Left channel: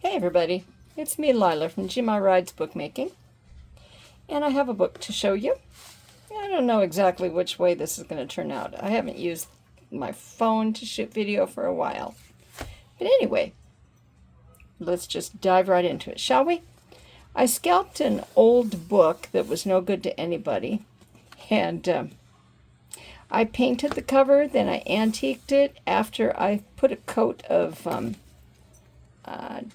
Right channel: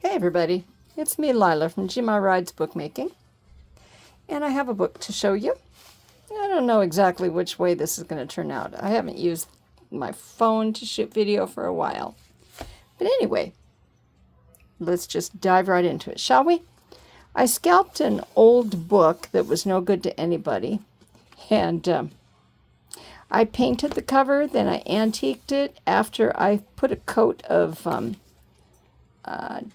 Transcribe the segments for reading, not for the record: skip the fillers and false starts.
Hey everybody, it's me Lila from Jima Rides Bookmaking, and I have a book to show you. I don't know exactly which way this is going to turn out. I haven't used my phone to shoot video for a while. But anyway, let's just dive right into it, shall we? I scalped an old book that was no good to anybody, and I painted the cover, then I antiqued it after I put a coat of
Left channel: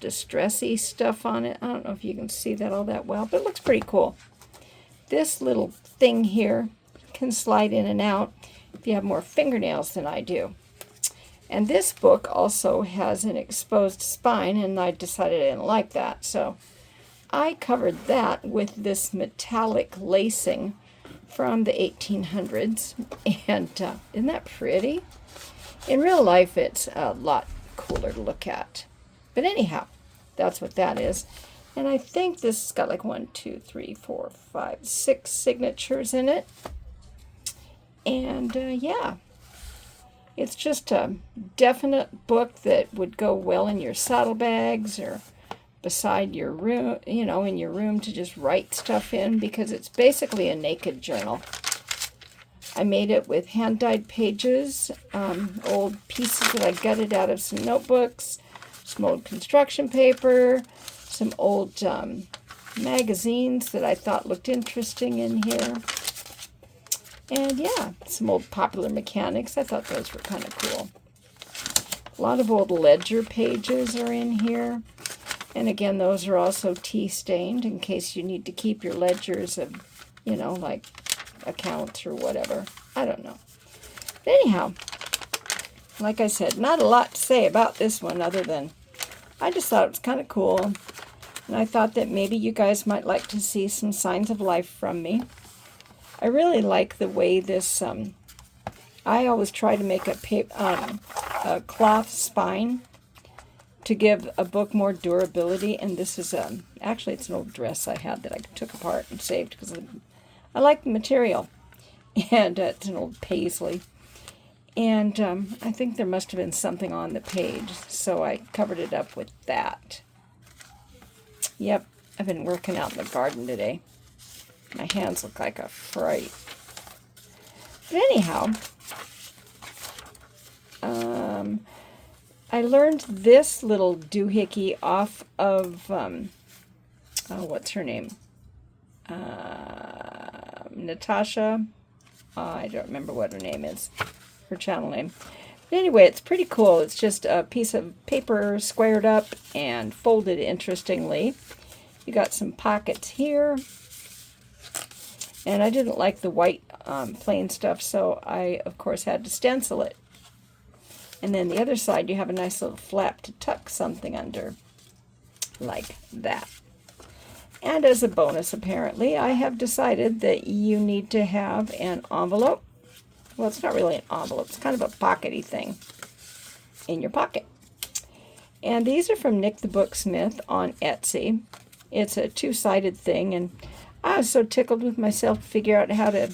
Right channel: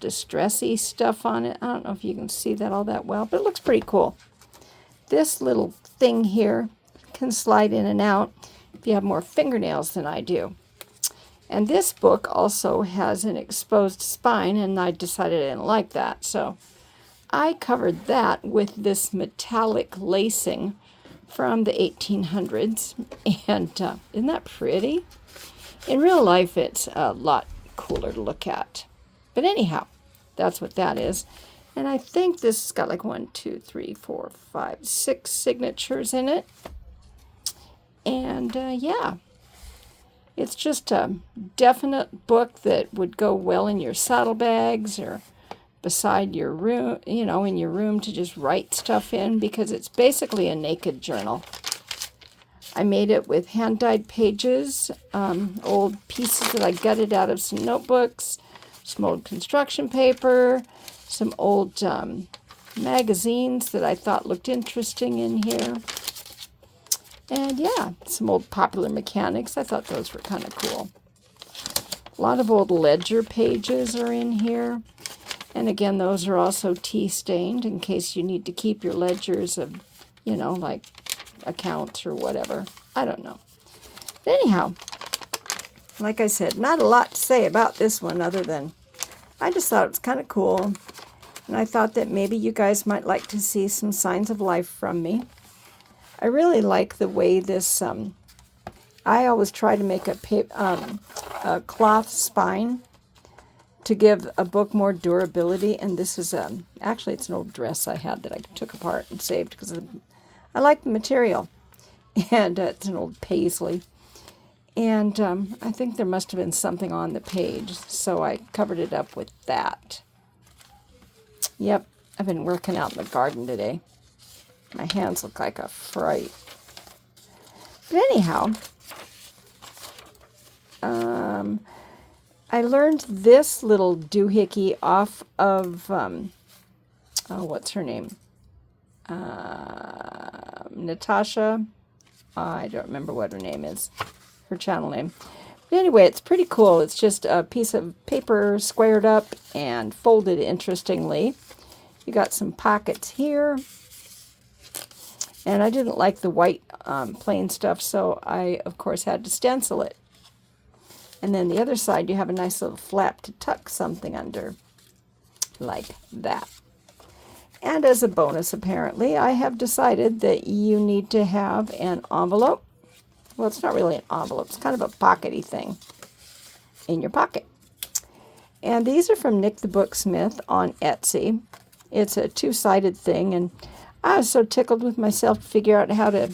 distressy stuff on it. I don't know if you can see that all that well, but it looks pretty cool. This little thing here can slide in and out if you have more fingernails than I do. And this book also has an exposed spine, and I decided I didn't like that. So I covered that with this metallic lacing from the 1800s. And isn't that pretty? In real life, it's a lot cooler to look at. But anyhow, that's what that is. And I think this has got like 1, 2, 3, 4, 5, 6 signatures in it. And yeah, it's just a definite book that would go well in your saddlebags or beside your room, in your room to just write stuff in, because it's basically a naked journal. I made it with hand-dyed pages, old pieces that I gutted out of some notebooks, some old construction paper, some old magazines that I thought looked interesting in here. And yeah, some old Popular Mechanics. I thought those were kind of cool. A lot of old ledger pages are in here. And again, those are also tea stained in case you need to keep your ledgers of, like accounts or whatever. I don't know. But anyhow, like I said, not a lot to say about this one other than I just thought it was kind of cool. And I thought that maybe you guys might like to see some signs of life from me. I really like the way this, I always try to make a cloth spine to give a book more durability. And this is, actually it's an old dress I had that I took apart and saved because I like the material. And it's an old paisley. And I think there must have been something on the page, so I covered it up with that. Yep, I've been working out in the garden today. My hands look like a fright. But anyhow, I learned this little doohickey off of, what's her name? Natasha. I don't remember what her name is, her channel name. But anyway, it's pretty cool. It's just a piece of paper squared up and folded interestingly. You got some pockets here. And I didn't like the white plain stuff, so I, of course, had to stencil it. And then the other side, you have a nice little flap to tuck something under, like that. And as a bonus, apparently, I have decided that you need to have an envelope. Well, it's not really an envelope. It's kind of a pockety thing in your pocket. And these are from Nick the Booksmith on Etsy. It's a two-sided thing, and I was so tickled with myself to figure out how to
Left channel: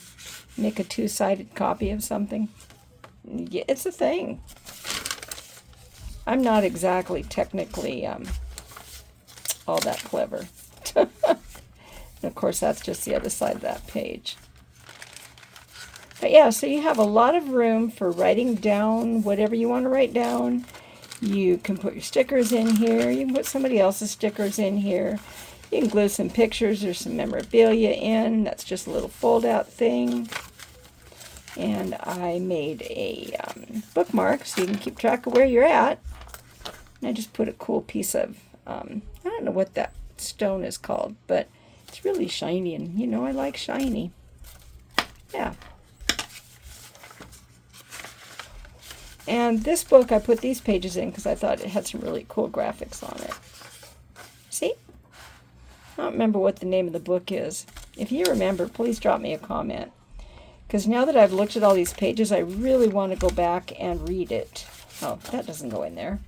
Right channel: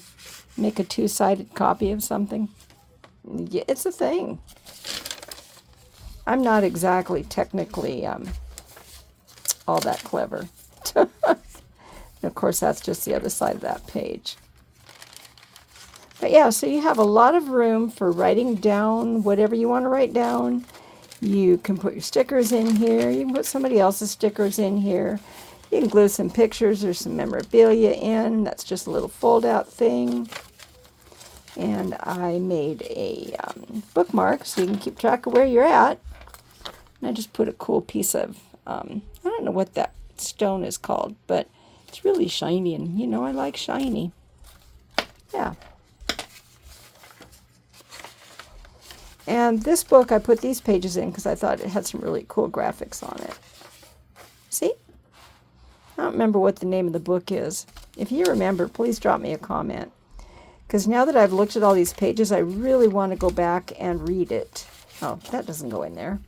make a two-sided copy of something. Yeah, it's a thing. I'm not exactly technically all that clever. And of course, that's just the other side of that page. But yeah, so you have a lot of room for writing down whatever you want to write down. You can put your stickers in here. You can put somebody else's stickers in here. You can glue some pictures or some memorabilia in. That's just a little fold-out thing. And I made a bookmark so you can keep track of where you're at. And I just put a cool piece of, I don't know what that stone is called, but it's really shiny, and I like shiny. Yeah. And this book, I put these pages in because I thought it had some really cool graphics on it. See? I don't remember what the name of the book is. If you remember, please drop me a comment. Because now that I've looked at all these pages, I really want to go back and read it. Oh, that doesn't go in there.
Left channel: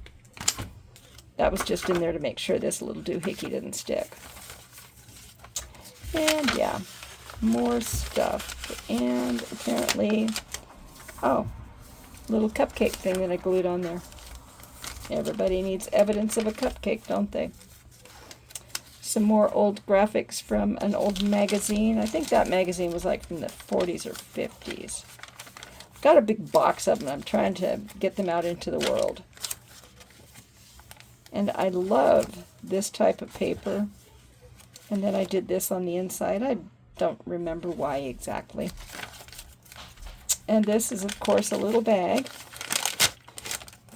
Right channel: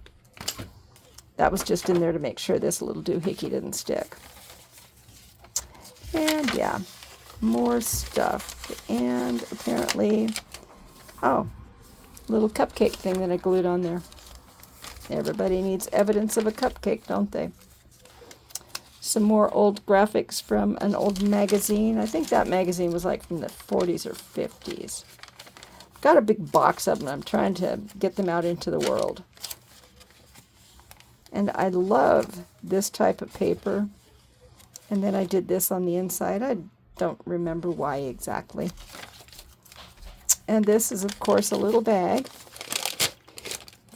That was just in there to make sure this little doohickey didn't stick. And yeah, more stuff. And apparently, oh, little cupcake thing that I glued on there. Everybody needs evidence of a cupcake, don't they? Some more old graphics from an old magazine. I think that magazine was like from the 40s or 50s. Got a big box of them. I'm trying to get them out into the world. And I love this type of paper. And then I did this on the inside. I don't remember why exactly. And this is, of course, a little bag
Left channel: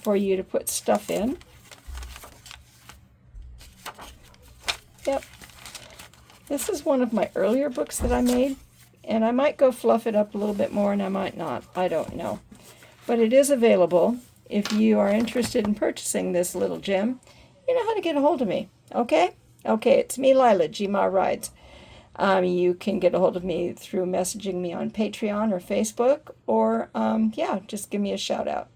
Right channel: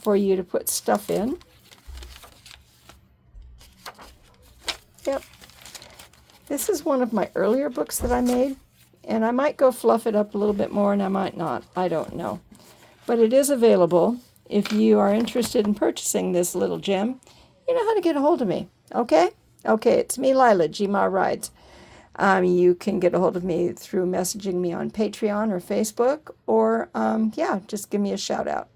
for you to put stuff in. Yep. This is one of my earlier books that I made, and I might go fluff it up a little bit more, and I might not. I don't know. But it is available. If you are interested in purchasing this little gem, you know how to get a hold of me. Okay? Okay, it's me, Lila, Gma Rides. You can get a hold of me through messaging me on Patreon or Facebook, or, yeah, just give me a shout out.